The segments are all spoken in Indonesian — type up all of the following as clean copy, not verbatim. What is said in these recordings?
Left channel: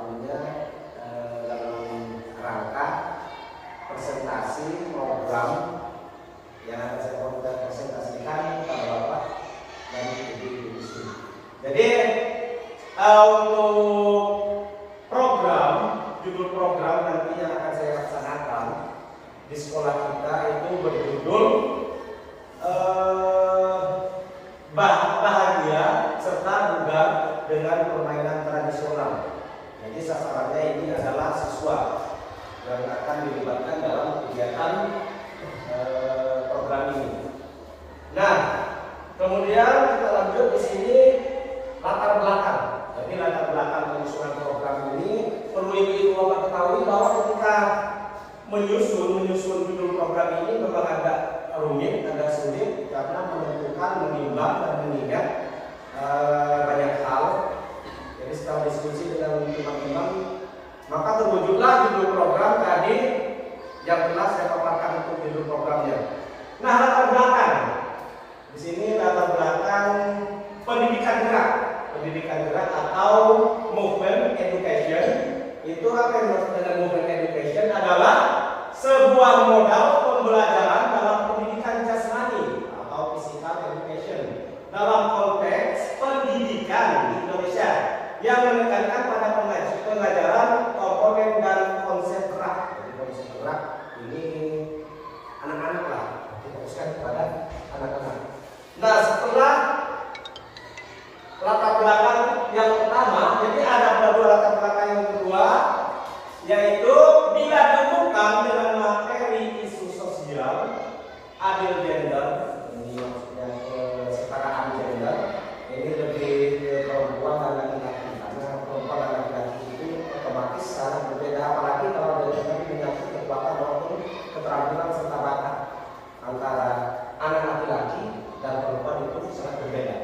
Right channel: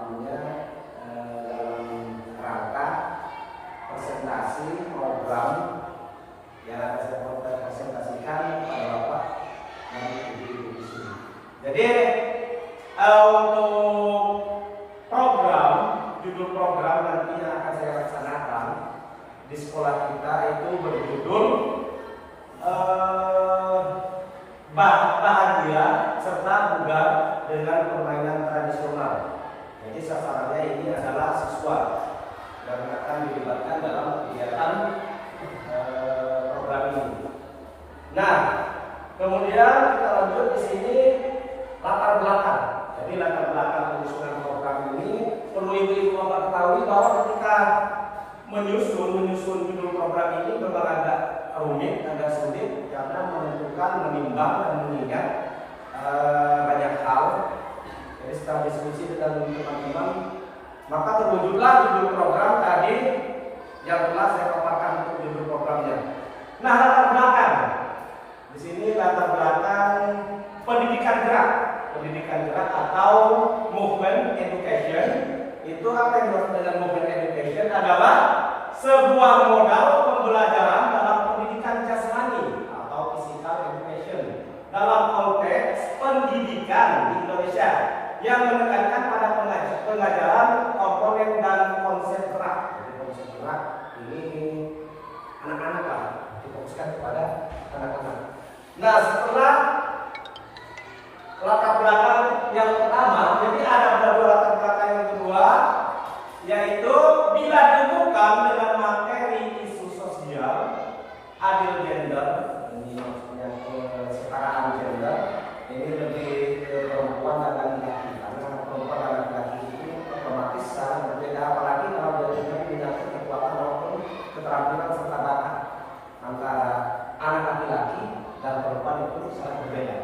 waktunya dalam rangka presentasi program yang akan saya presentasikan pada Bapak dan Ibu di sini. Jadi untuk program, judul program nanti yang akan saya laksanakan di sekolah kita itu berjudul bahagia serta bugar dengan permainan tradisional. Jadi sasarannya ini adalah siswa yang akan dilibatkan dalam kegiatan program ini. Nah, kemudian kita lanjut di sini latar belakang. Jadi latar belakang penyusunan program ini perlu ibu bapak ketahui bahwa ketika menyusun judul program ini memang agak rumit, agak sulit karena menentukan, menimbang dan mengingat banyak hal. Jadi setelah diskusi dengan teman-teman, maka terwujudlah judul program tadi yang telah saya paparkan untuk judul programnya. Nah, latar belakang di sini latar belakang pendidikan gerak atau movement education. Itu apa yang dimaksud dengan movement education adalah sebuah modal pembelajaran dalam pendidikan jasmani atau physical education dalam konteks pendidikan di Indonesia yang menekankan pada pengajaran komponen dan konsep gerak. Jadi konsep gerak ini anak-anak lah, difokuskan kepada anak-anak. Nah, setelah latar belakang yang pertama, jadi ada dua latar belakang yang kedua, yaitu bila dihubungkan dengan materi isu sosial, adil gender, ini maksudnya kesetaraan gender, ini lebih ke perempuan dan laki-laki. Karena perempuan dan laki-laki itu otomatis sangat berbeda, apalagi kalau dari menyangkut kekuatan maupun keterampilan serta bakat antara anak laki-laki dan perempuan itu sangat berbeda.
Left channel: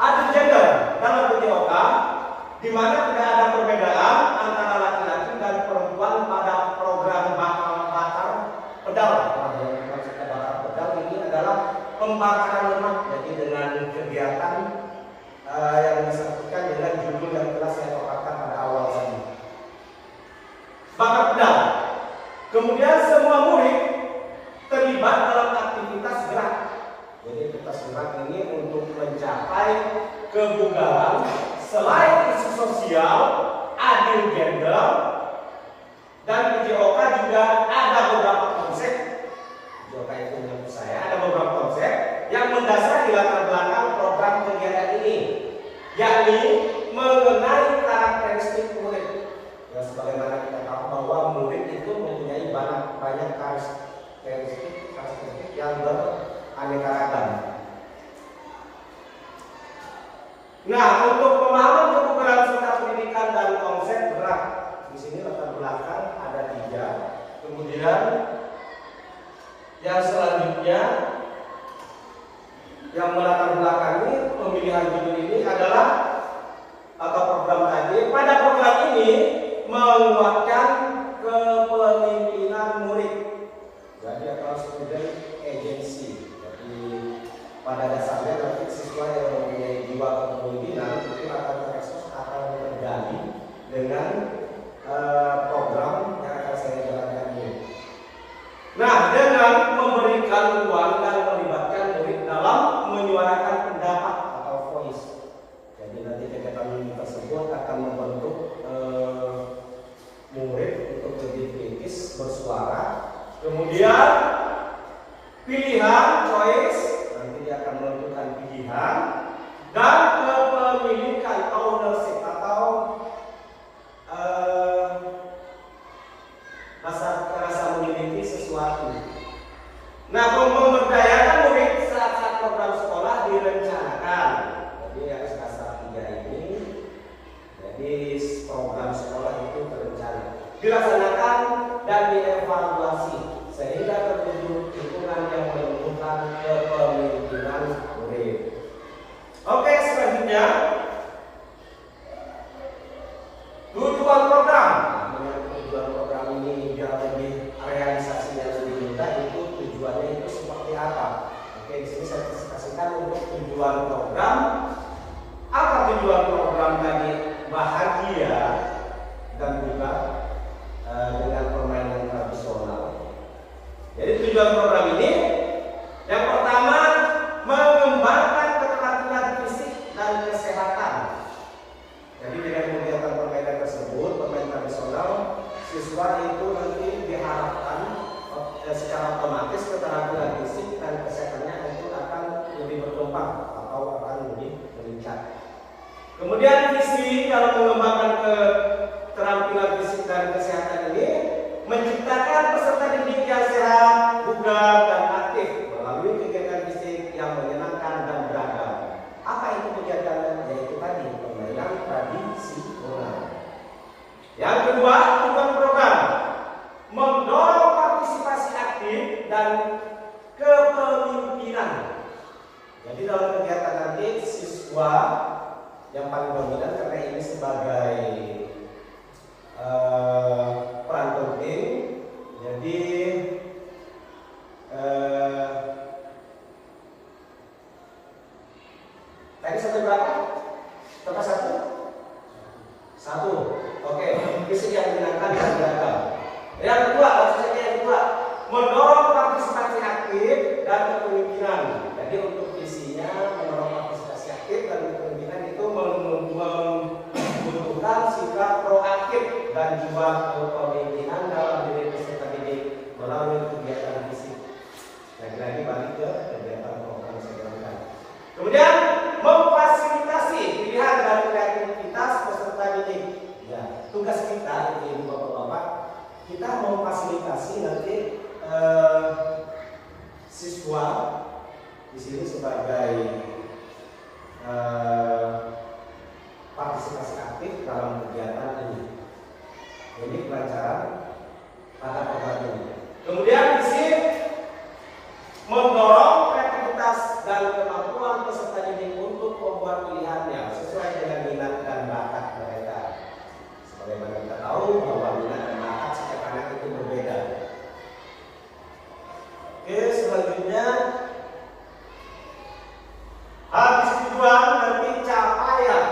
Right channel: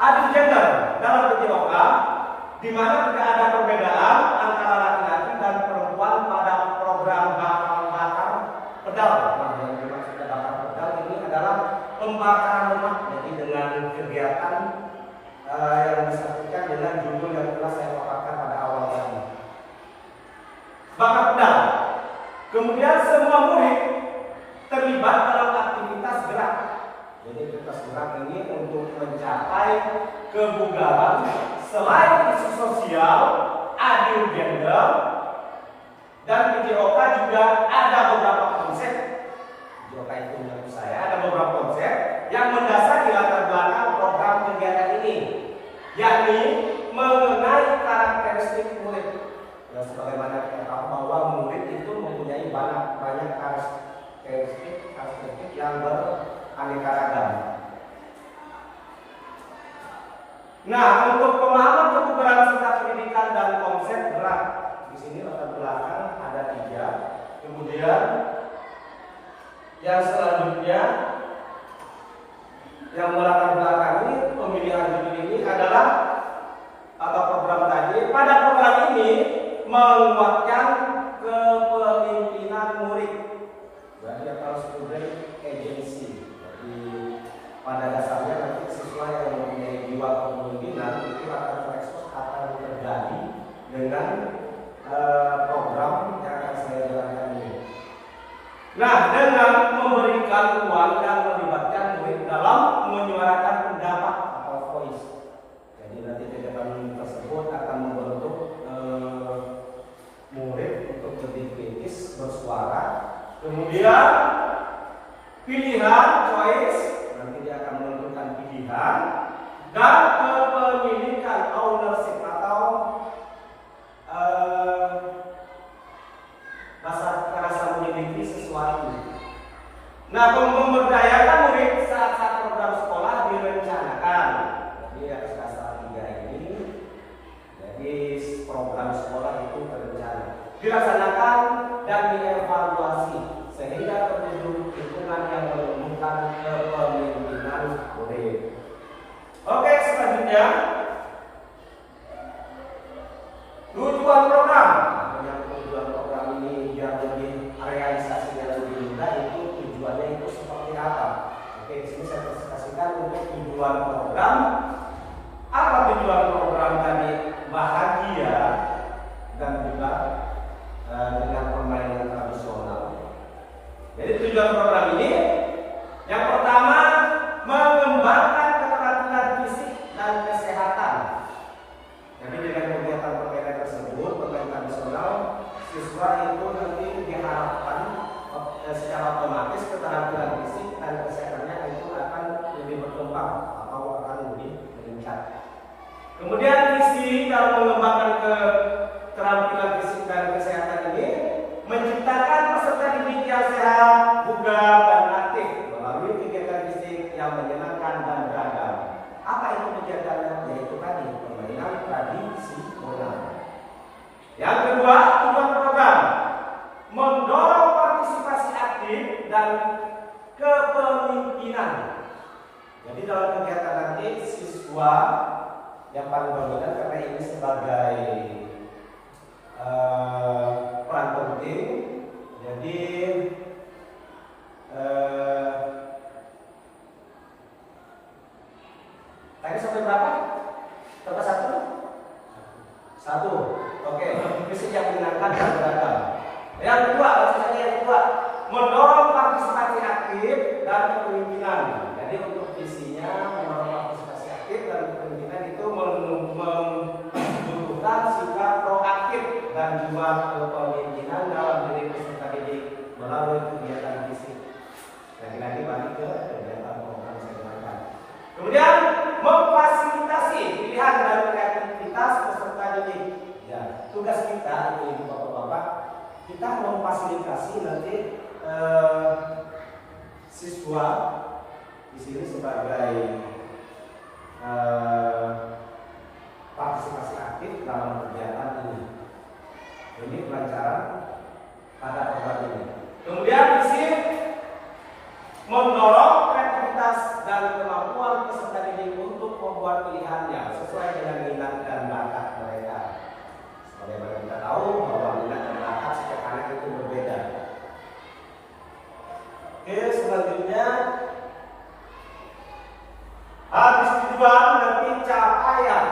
Adil gender dalam PJOK di mana tidak ada perbedaan antara laki-laki dan perempuan pada program bakar pedal. Nah, yang dimaksudnya bakar pedal ini adalah pembakaran lemak. Jadi dengan kegiatan yang disebutkan dengan judul yang telah saya paparkan pada awal tadi. Bakar pedal. Kemudian semua murid terlibat dalam aktivitas gerak. Jadi aktivitas gerak ini untuk mencapai kebugaran selain isu sosial, adil gender, dan PJOK juga ada beberapa konsep. PJOK itu menurut saya ada beberapa konsep yang mendasari latar belakang program kegiatan ini, yakni mengenai karakteristik murid. Ya, sebagaimana kita tahu bahwa murid itu mempunyai banyak karakteristik yang beraneka ragam. Nah, untuk pemahaman kebugaran serta pendidikan dan konsep gerak, di sini latar belakang ada 3. Kemudian yang selanjutnya yang melatar belakangi pemilihan judul ini adalah atau program tadi. Pada program ini menguatkan kepemimpinan murid. Jadi atau student agency. Jadi pada dasarnya nanti siswa yang mempunyai jiwa kepemimpinan itu akan terekspos, akan tergali dengan program yang akan saya jalankan ini. Nah, dengan memberikan ruang dan melibatkan murid dalam menyuarakan pendapat atau voice. Jadi nanti kegiatan tersebut akan membentuk murid untuk lebih kritis bersuara. Kemudian pilihan choice, nanti dia akan menentukan pilihan, dan kepemilikan ownership atau rasa memiliki sesuatu. Nah, memberdayakan murid saat program sekolah direncanakan. Jadi dasar 3 ini, jadi program sekolah itu terencana, dilaksanakan dan dievaluasi sehingga terwujud lingkungan yang menumbuhkan kepemimpinan murid. Oke, selanjutnya tujuan program. Dengan tujuan program ini yang lebih realisasi yang lebih mudah, itu tujuannya itu seperti apa? Oke, di sini saya presentasikan untuk tujuan program. Apa tujuan program dari bahagia dan siswa itu nanti diharapkan secara otomatis keterampilan fisik dan kesehatannya itu akan lebih berkembang atau akan lebih meningkat. Kemudian visi dalam mengembangkan keterampilan fisik dan kesehatan ini menciptakan peserta didik yang sehat, bugar, dan aktif melalui kegiatan fisik yang menyenangkan dan beragam. Apa itu kegiatannya? Yaitu tadi permainan tradisional. Yang kedua, tujuan program mendorong partisipasi aktif dan kepemimpinan. Jadi dalam kegiatan nanti siswa yang paling dominan karena ini sebagai peran penting. Jadi tadi sampai berapa? Sampai satu? Satu. Oke, visi yang menyenangkan dan beragam. Yang kedua, langsung saja yang kedua, mendorong partisipasi aktif dan kepemimpinan. Jadi untuk visinya mendorong partisipasi aktif dan kepemimpinan itu membutuhkan sikap proaktif dan jiwa kepemimpinan dalam diri peserta didik melalui kegiatan fisik. Lagi-lagi balik ke kegiatan program sebenarnya. Kemudian memfasilitasi pilihan dan kreativitas peserta didik. Ya, tugas kita itu bapak-bapak, kita memfasilitasi nanti siswa di sini sebagai partisipasi aktif dalam kegiatan ini. Ini kelancaran pada program ini. Kemudian visi mendorong kreativitas dan kemampuan peserta didik untuk membuat pilihannya sesuai dengan minat dan bakat mereka. Sebagaimana kita tahu bahwa minat dan bakat setiap anak itu berbeda. Oke, selanjutnya habis tujuan nanti capaian,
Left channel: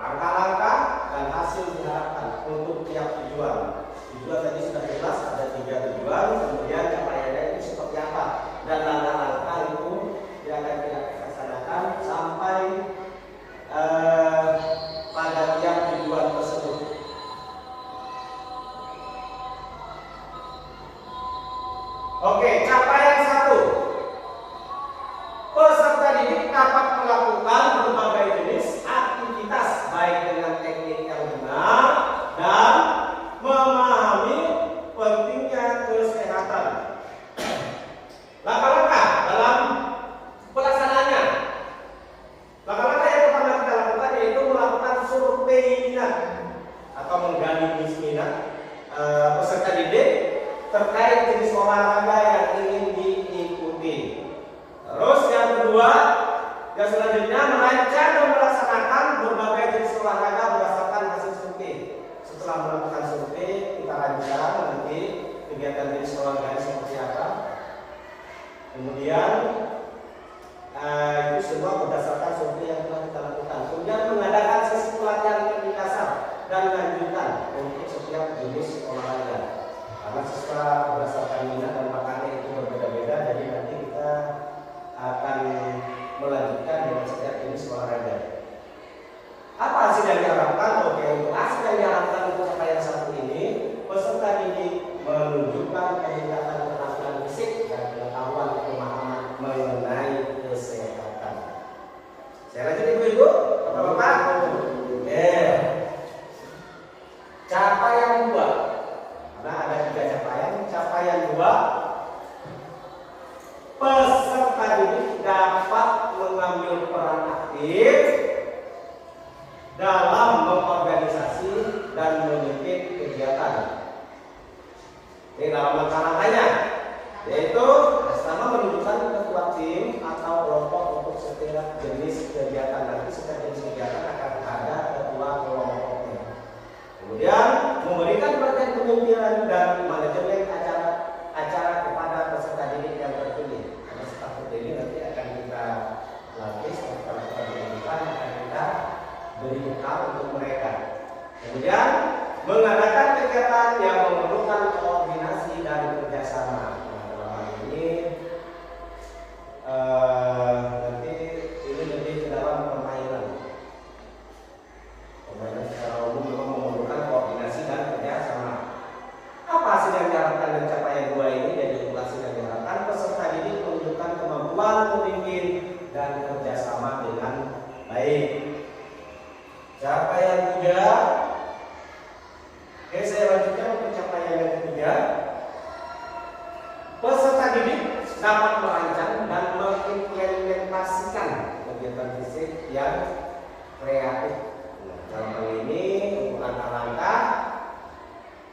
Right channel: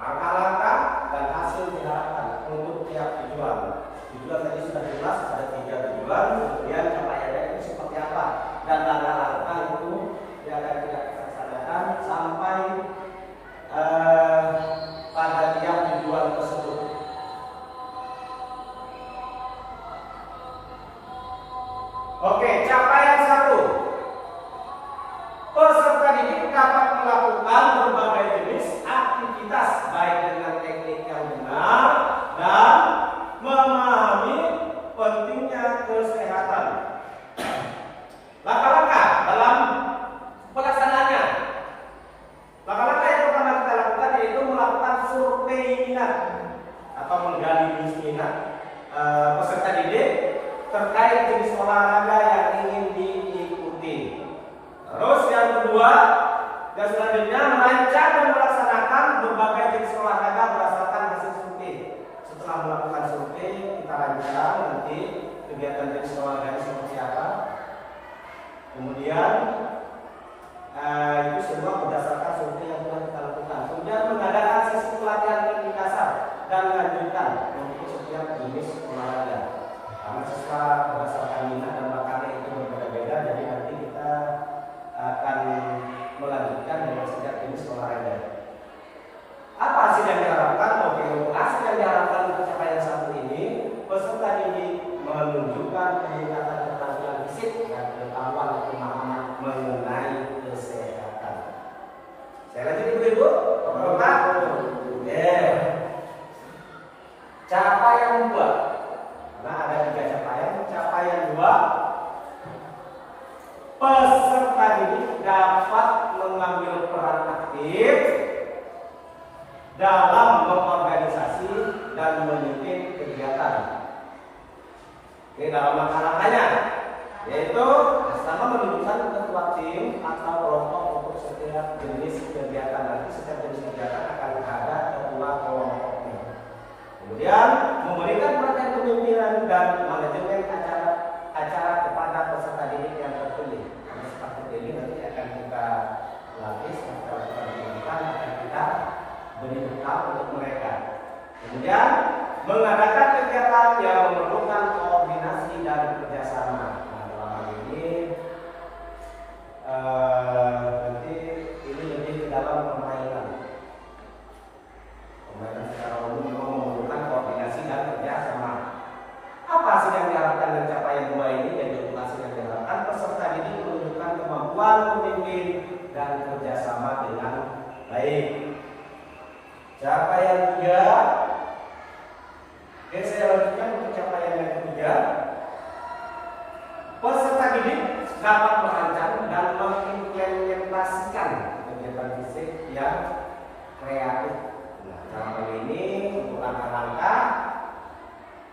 langkah-langkah dan hasil diharapkan untuk tiap tujuan. Tujuan tadi sudah jelas ada 3 tujuan, kemudian capaiannya itu seperti apa dan langkah-langkah itu yang akan kita laksanakan sampai pada tiap tujuan tersebut. Oke, capaian 1. Peserta didik dapat melakukan berbagai jenis aktivitas baik dengan teknik yang benar dan memahami pentingnya kesehatan. Langkah-langkah dalam pelaksanaannya. Langkah-langkah yang pertama kita lakukan yaitu melakukan survei minat atau menggali minat peserta didik terkait jenis olahraga yang ingin diikuti. Terus yang kedua, yang selanjutnya merancang dan melaksanakan berbagai jenis olahraga berdasarkan hasil survei. Setelah melakukan survei, kita rancang nanti kegiatan jenis olahraga seperti apa. Kemudian itu semua berdasarkan survei yang telah kita lakukan. Kemudian mengadakan sesi pelatihan lebih dasar dan lanjutan untuk setiap jenis olahraga. Karena siswa berdasarkan minat dan bakatnya itu berbeda-beda, jadi nanti kita akan melanjutkan dengan setiap jenis olahraga. Apa hasil yang diharapkan? Oke, untuk hasil yang diharapkan untuk capaian 1 ini, peserta didik menunjukkan peningkatan keterampilan fisik dan pengetahuan pemahaman mengenai kesehatan. Saya lanjut ibu-ibu, bapak-bapak. Capaian 2. Nah, ada 3 capaian. Capaian 2, peserta didik dapat mengambil peran aktif dalam mengorganisasi dan memimpin kegiatan. Ini dalam langkah-langkahnya, yaitu pertama menunjukkan ketua tim atau kelompok untuk setiap jenis kegiatan. Nanti setiap jenis kegiatan akan ada ketua kelompoknya. Kemudian memberikan pelatihan kepemimpinan dan manajemen acara kepada peserta didik yang terpilih. Peserta terpilih nanti akan kita latih, setelah kita pendidikan akan kita beri bekal untuk mereka. Kemudian mengadakan kegiatan yang memerlukan koordinasi dan kerjasama. Nah, dalam hal ini nanti ini lebih ke dalam permainan. Permainan secara umum memerlukan koordinasi dan kerjasama.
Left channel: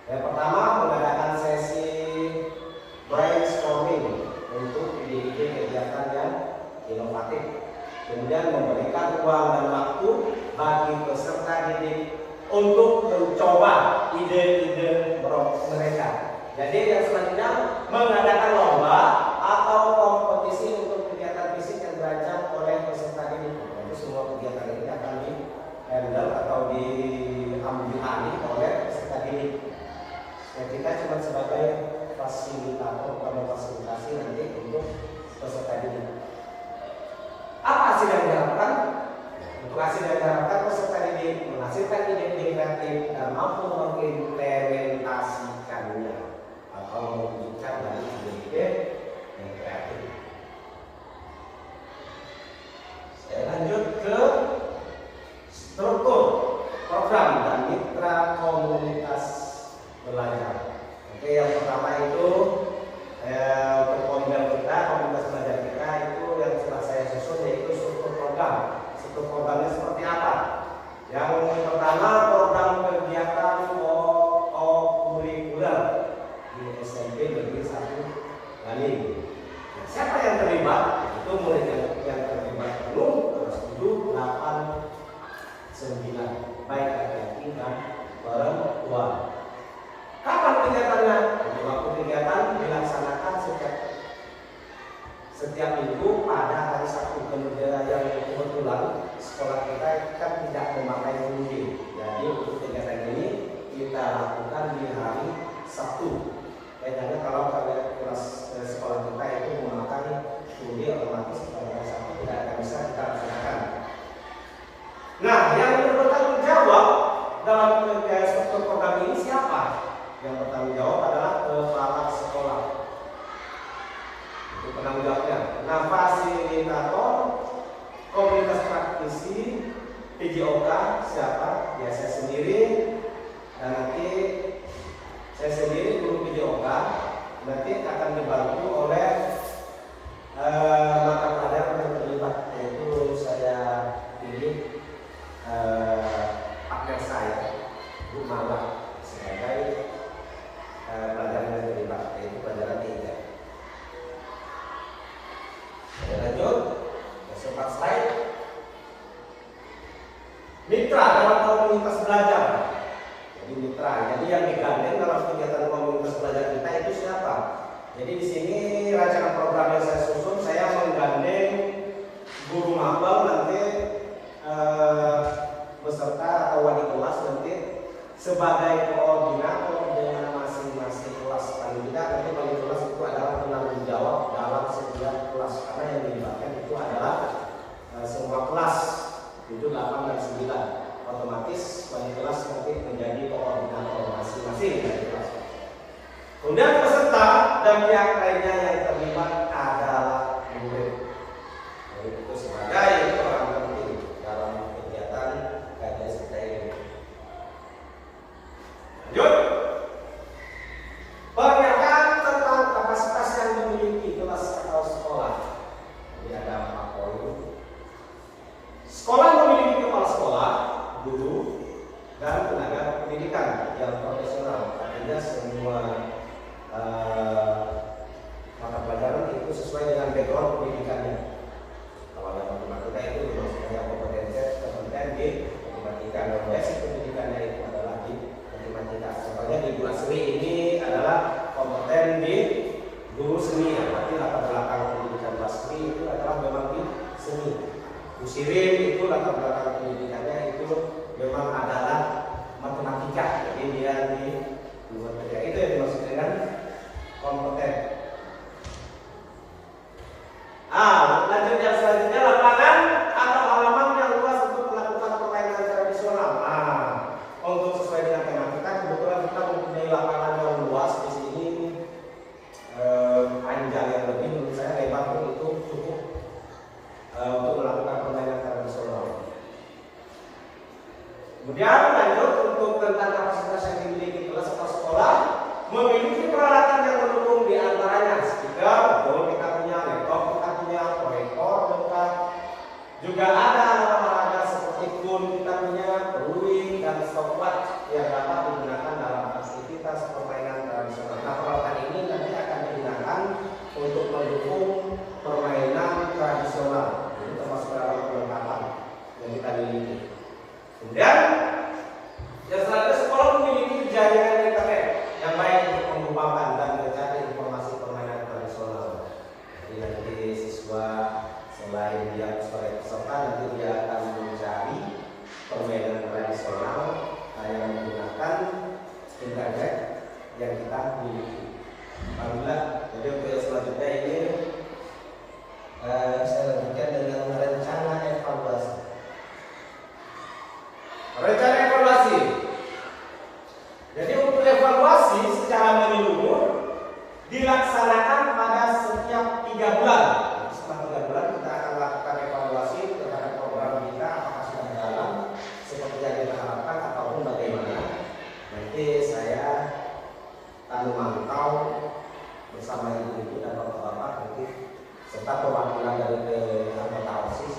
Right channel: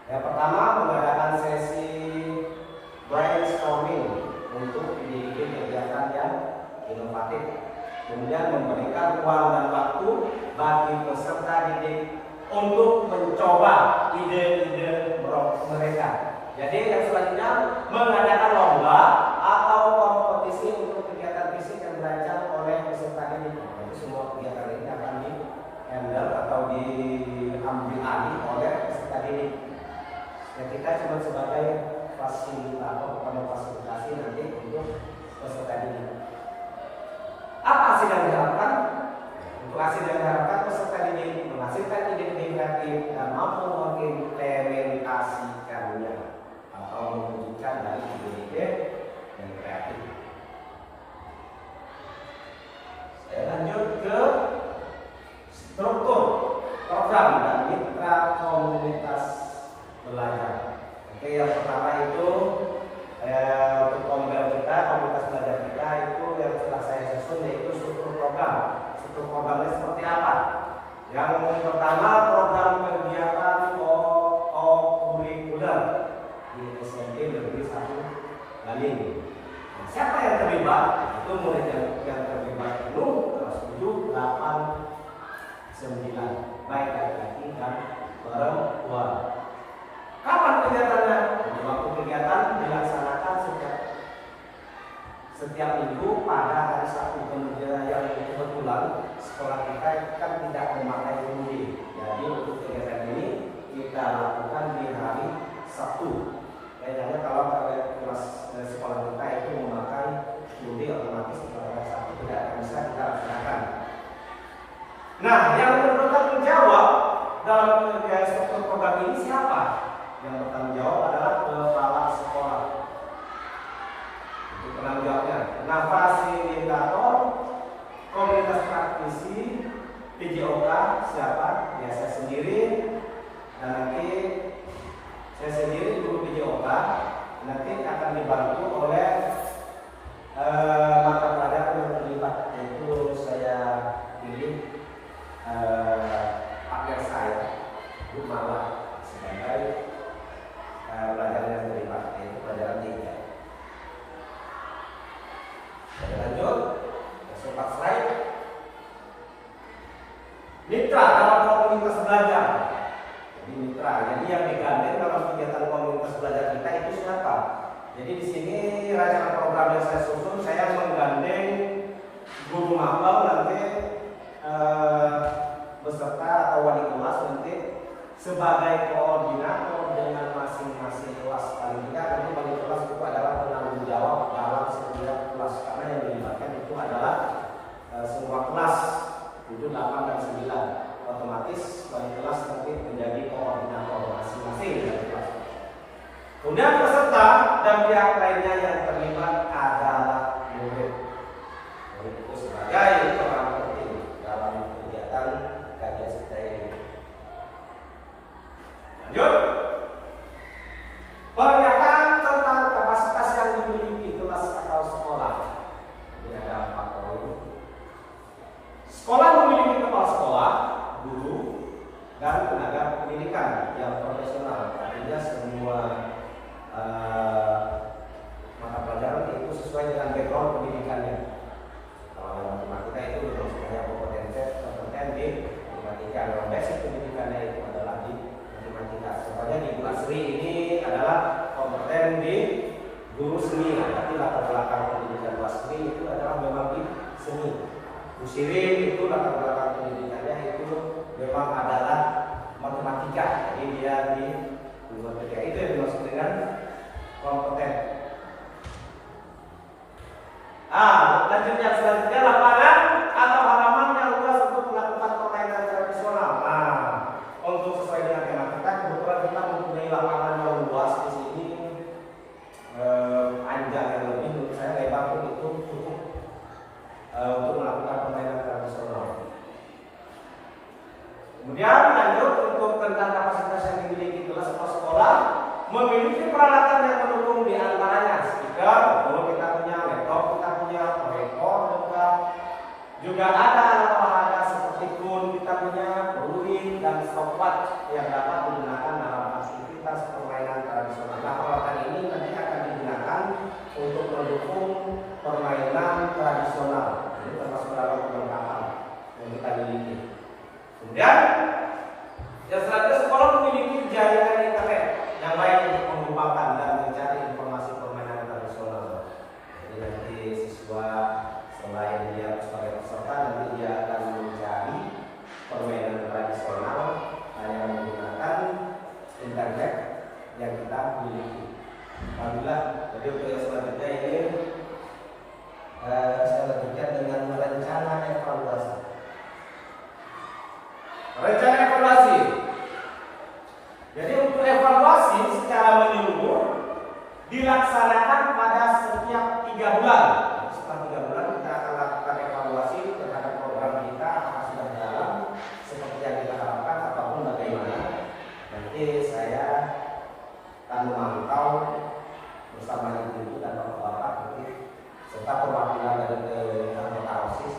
Yang pertama, mengadakan sesi brainstorming untuk ide-ide kegiatan yang inovatif. Kemudian memberikan ruang dan waktu bagi peserta didik untuk mencoba ide-ide mereka. Jadi yang selanjutnya mengadakan lomba atau kompetisi untuk kegiatan fisik yang dirancang oleh peserta didik. Itu semua kegiatan ini akan di-handle atau diambil alih oleh peserta didik. Dan kita cuma sebagai fasilitator atau memfasilitasi nanti untuk peserta didik. Apa hasil yang diharapkan? Untuk hasil yang diharapkan, peserta didik menghasilkan ide-ide kreatif dan mampu mengimplementasikannya atau mewujudkan dari ide-ide yang kreatif. Saya lanjut ke struktur program dan mitra komunitas belajar. Oke, yang pertama itu untuk komunitas belajar kita itu yang setelah saya susun yaitu struktur program. Struktur programnya seperti apa? Yang pertama, program kegiatan kurikuler di SMP Negeri 1 Galing. Nah, siapa yang terlibat? Itu murid yang terlibat penuh kelas 7, 8, 9, baik laki-laki dan perempuan. Kapan kegiatannya? Waktu kegiatan dilaksanakan setiap minggu pada hari Sabtu. Kemudian yang kebetulan sekolah kita kan tidak memakai full-day. Jadi untuk kegiatan ini kita lakukan di hari Sabtu. Kayaknya kalau kelas sekolah kita itu memakai full-day, otomatis pada hari Sabtu tidak akan bisa kita laksanakan. Nah, yang bertanggung jawab dalam struktur program ini siapa? Yang bertanggung jawab adalah kepala sekolah. Itu penanggung jawabnya. Nah, fasilitator, komunitas praktisi, PJOK siapa? Ya saya sendiri, dan nanti saya sendiri guru PJOK nanti akan dibantu oleh mata pelajaran yang terlibat, yaitu saya pilih partner saya itu malah sebagai pelajaran yang terlibat, yaitu pelajaran 3. Saya lanjut ke slide. Mitra dalam komunitas belajar. Jadi mitra, jadi yang digandeng dalam kegiatan komunitas belajar kita itu siapa? Jadi di sini rancangan program yang saya susun, saya menggandeng guru magang nanti beserta atau wali kelas nanti sebagai koordinator dengan masing-masing kelas. Paling tidak nanti wali kelas itu adalah penanggung jawab dalam setiap kelas, karena yang dilibatkan itu adalah semua kelas, itu 8 dan 9. Otomatis wali kelas nanti menjadi koordinator masing-masing dari kelas. Kemudian peserta dan pihak lainnya yang terlibat adalah murid. Itu sebagai peran penting dalam kegiatan kajian kita ini. Lanjut. Pernyataan tentang kapasitas yang dimiliki kelas atau sekolah. Ini ada 4 poin. Sekolah memiliki kepala sekolah, guru, dan tenaga pendidikan yang profesional. Artinya semua mata pelajaran itu sesuai dengan background pendidikannya. Kalau dalam matematika itu memang sebenarnya kompeten di matematika. Yang basic pendidikannya itu adalah di matematika. Contohnya di Bu Asri ini adalah kompeten di guru seni. Berarti latar belakang pendidikan Bu Asri itu adalah memang di seni. Bu Sirin itu latar belakang pendidikannya itu memang adalah matematika. Jadi dia di matematika. Itu yang dimaksud dengan kompeten. Lanjut yang selanjutnya, lapangan atau halaman yang luas untuk melakukan permainan tradisional. Untuk sesuai dengan tematika, kebetulan kita mempunyai lapangan yang luas di sini, panjang yang lebih, menurut saya lebar pun itu cukup untuk melakukan permainan tradisional. Kemudian lanjut untuk tentang kapasitas yang dimiliki kelas atau sekolah, memiliki peralatan yang mendukung, di antaranya speaker, betul, kita punya laptop, kita punya proyektor lengkap, juga ada alat olahraga seperti kun, kita punya peluit dan stopwatch yang dapat digunakan dalam aktivitas permainan tradisional. Nah, peralatan ini nanti akan digunakan untuk mendukung permainan tradisional. Ini termasuk dalam perlengkapan yang kita miliki. Kemudian yang selanjutnya, sekolah memiliki jaringan internet yang baik untuk mengembangkan dan mencari informasi permainan tradisional. Jadi nanti siswa selain dia sebagai peserta, nanti dia akan mencari permainan tradisional yang menggunakan internet yang kita miliki. Alhamdulillah. Jadi untuk yang selanjutnya ini saya lanjutkan dengan rencana evaluasi. Rencana evaluasi. Jadi untuk evaluasi secara menyeluruh dilaksanakan pada setiap 3 bulan. Setelah 3 bulan kita akan lakukan evaluasi terhadap program kita, apakah sudah jalan seperti yang kita harapkan ataupun bagaimana. Nanti saya akan memantau bersama ibu-ibu dan bapak-bapak nanti serta perwakilan dari anggota OSIS.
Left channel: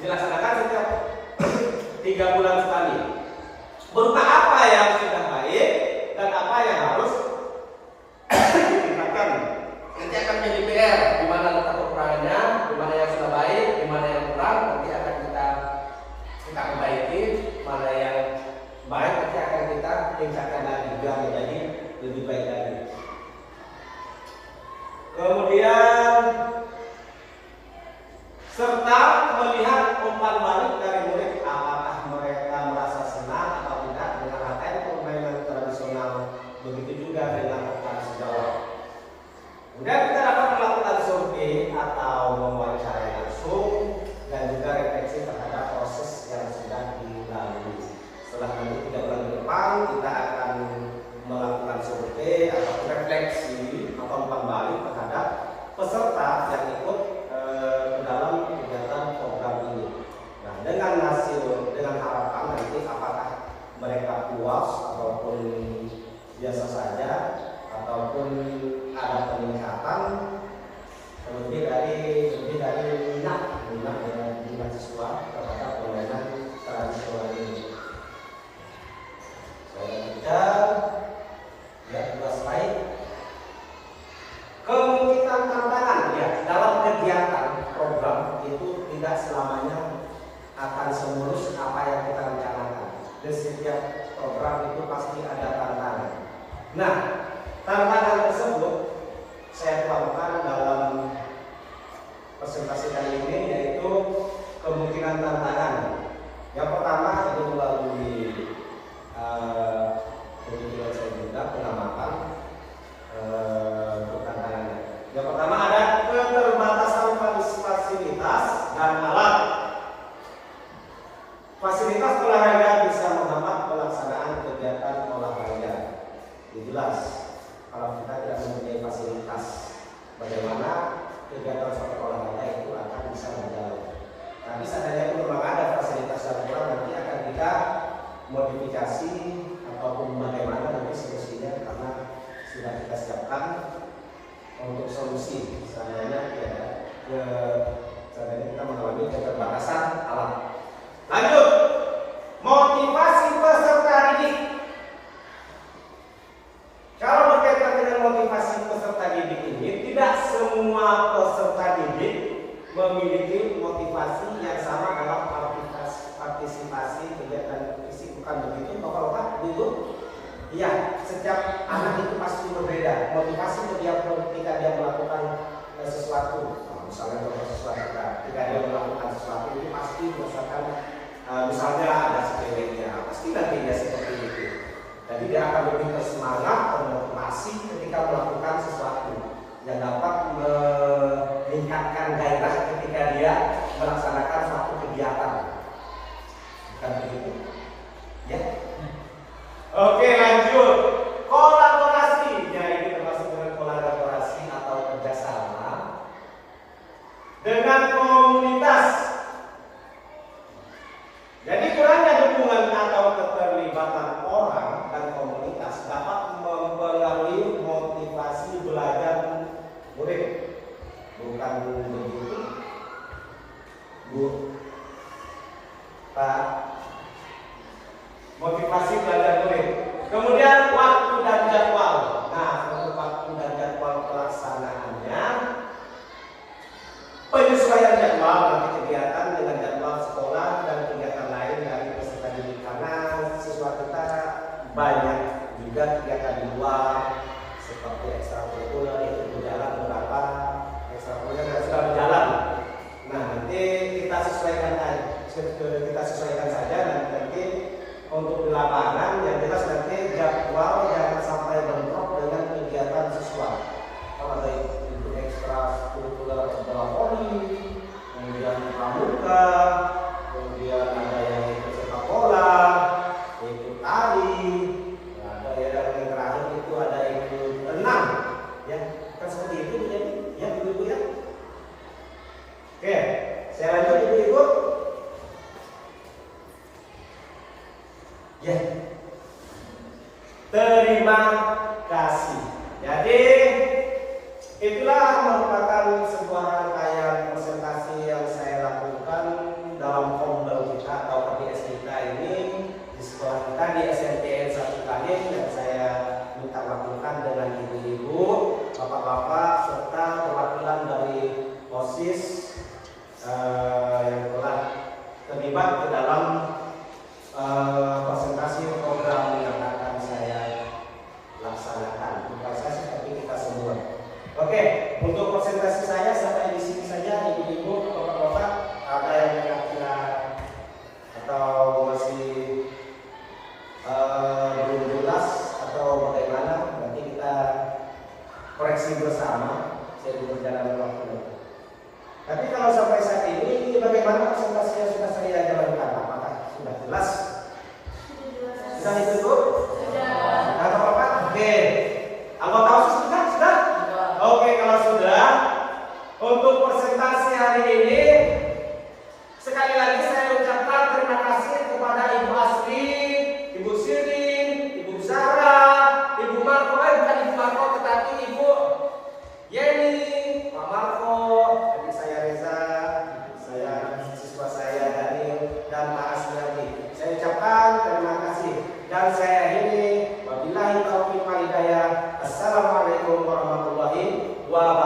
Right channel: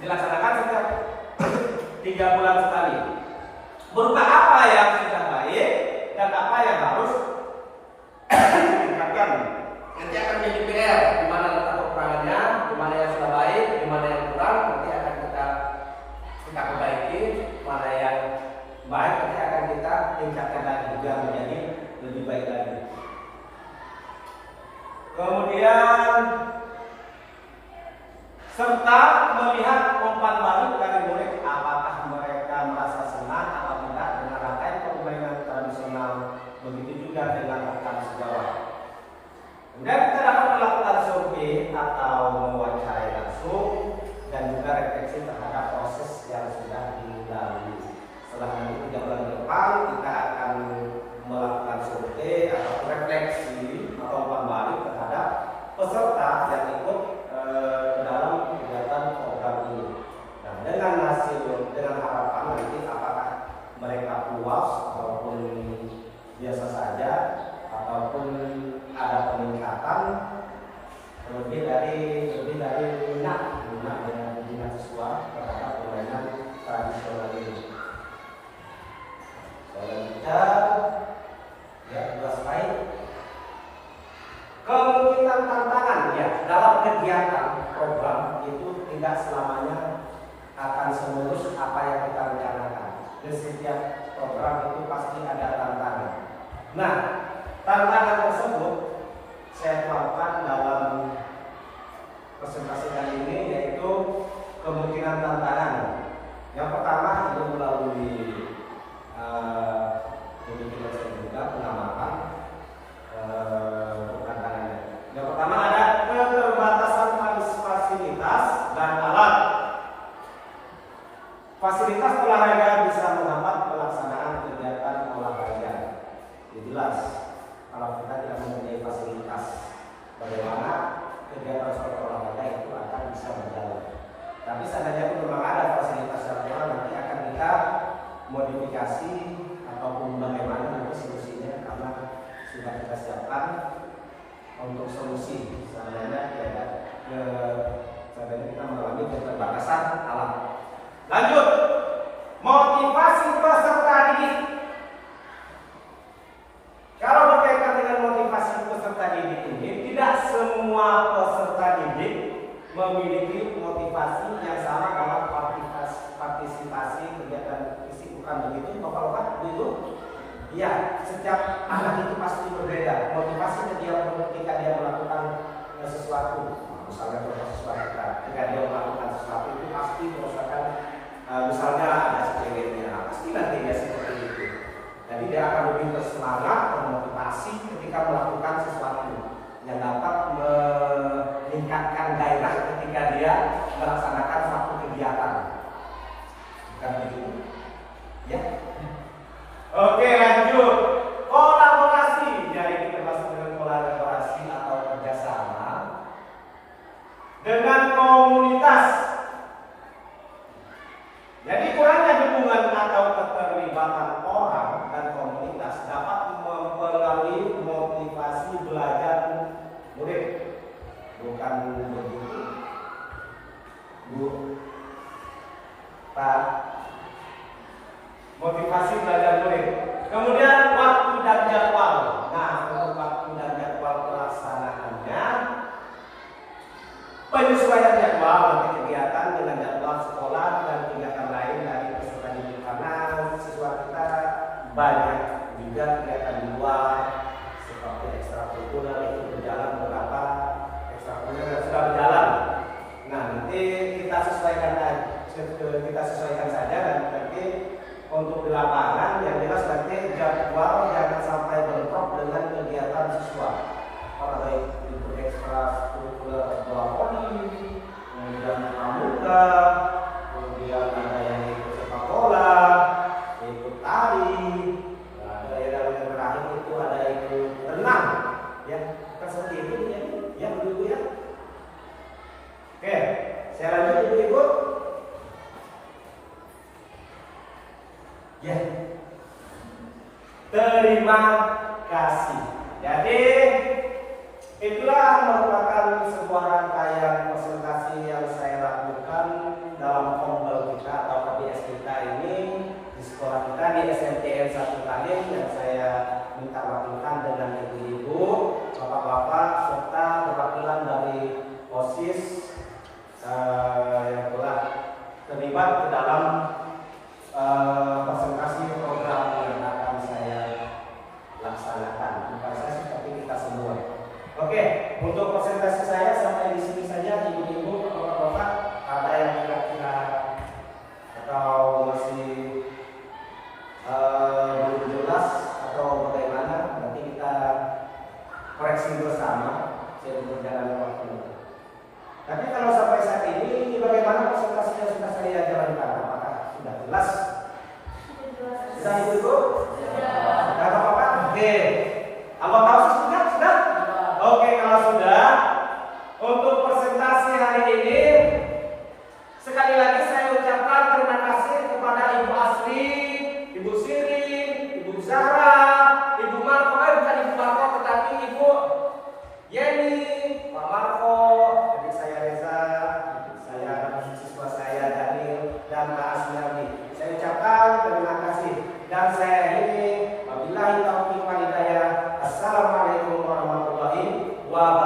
Dilaksanakan setiap 3 bulan sekali. Berupa apa yang sudah baik dan apa yang harus ditingkatkan. Nanti akan menjadi PR di mana letak kekurangannya, di mana yang sudah baik, di mana yang kurang. Nanti akan kita perbaiki. Mana yang baik nanti akan kita tingkatkan lagi biar menjadi lebih baik lagi. Kemudian serta melihat umpan balik dari murid, apakah mereka merasa senang atau tidak dengan rangkaian permainan tradisional, begitu juga dengan rekan sejawat. Kemudian kita dapat melakukan survei atau mewawancarai langsung dan juga refleksi terhadap proses yang sudah dilalui. Setelah nanti 3 bulan ke depan kita akan melakukan survei atau refleksi atau umpan balik terhadap peserta yang ikut ke dalam kegiatan program ini. Nah, dengan harapan nanti apakah mereka puas ataupun biasa saja ataupun ada peningkatan lebih dari minat siswa terhadap permainan tradisional ini. Tugas lain kemungkinan tantangan ya dalam kegiatan program itu tidak selamanya akan semulus apa yang kita rencanakan. Di setiap program itu pasti ada tantangan. Nah, tantangan tersebut saya tuangkan dalam presentasi kali ini, yaitu kemungkinan tantangan. Yang pertama itu melalui pemikiran saya juga pengamatan untuk tantangannya. Yang pertama ada keterbatasan fasilitas dan alat. Fasilitas olahraga bisa menghambat pelaksanaan kegiatan olahraga. Jelas, kalau kita tidak mempunyai fasilitas, bagaimana kegiatan suatu olahraga itu akan bisa berjalan. Tapi seandainya memang ada fasilitas dan kurang, nanti akan kita modifikasi ataupun bagaimana nanti solusinya, karena sudah kita siapkan untuk solusi seandainya kita mengalami keterbatasan alat. Lanjut, motivasi peserta didik. Kalau berkaitan dengan motivasi peserta didik ini, tidak semua peserta didik memiliki motivasi yang sama dalam partisipasi kegiatan fisik, bukan begitu Bapak-bapak dulu? Ya, setiap anak itu pasti berbeda. Motivasi ketika dia melakukan sesuatu, misalnya ketika dia melakukan sesuatu itu pasti berdasarkan misalnya ada sepelenya, pasti nanti dia seperti itu. Jadi dia akan lebih bersemangat, termotivasi ketika melakukan sesuatu yang dapat meningkatkan gairah ketika dia melaksanakan suatu kegiatan. Bukan begitu? Ya. Oke, lanjut. Kolaborasi. Jadi termasuk dengan kolaborasi atau kerjasama dengan komunitas. Jadi kurangnya dukungan atau keterlibatan orang dan komunitas dapat mempengaruhi motivasi belajar murid. Bukan begitu, Bu? Pak. Motivasi belajar murid. Kemudian waktu dan jadwal. Nah, untuk waktu dan jadwal pelaksanaannya, penyesuaian jadwal nanti kegiatan dengan jadwal sekolah dan kegiatan lain dari peserta didik, karena siswa kita banyak juga kegiatan di luar seperti ekstrakurikuler itu berjalan, beberapa ekstrakurikuler yang sudah berjalan. Nah, nanti kita sesuaikan saja nanti untuk di lapangan yang jelas nanti jadwal jangan sampai bentrok dengan kegiatan siswa. Kalau ada ikut ekstrakurikuler poli, kemudian pramuka, kemudian ada yang ikut sepak bola, ikut tari, ada yang terakhir itu ada ikut renang, ya kan seperti itu jadi ya ibu ya. Oke, saya lanjut ibu-ibu. Ya, terima kasih. Jadi itulah merupakan sebuah rangkaian presentasi yang saya lakukan dalam kombel kita atau KPS kita ini di sekolah kita di SMTN 1 Kalim, yang saya minta wakilkan dengan ibu-ibu, bapak-bapak serta perwakilan dari OSIS yang telah terlibat ke dalam presentasi program yang akan saya laksanakan. Bukan saya sih, tapi kita semua. Oke, untuk presentasi saya sampai di sini saja, ibu-ibu, bapak-bapak. Ada yang kira-kira atau masih belum jelas atau bagaimana? Nanti kita koreksi bersama seiring berjalannya waktu. Tapi kalau sampai saat ini, bagaimana presentasi yang sudah saya jalankan? Apakah sudah jelas? Sudah itu Bu? Sudah. Kata Bapak? Oke. Anggota OSIS sudah? Oke, kalau sudah, untuk presentasi hari ini sekali lagi saya ucapkan terima kasih kepada Ibu Asri, Ibu Sirin, Ibu Zahra, Ibu Marco, bukan Ibu Marco tetapi Ibu Yeni, Pak Marco, adik saya Reza, saya siswa saya Daniel dan Pak Asri. Saya ucapkan terima kasih dan saya akhiri wabillahi taufiq wal hidayah. Assalamualaikum warahmatullahi wabarakatuh.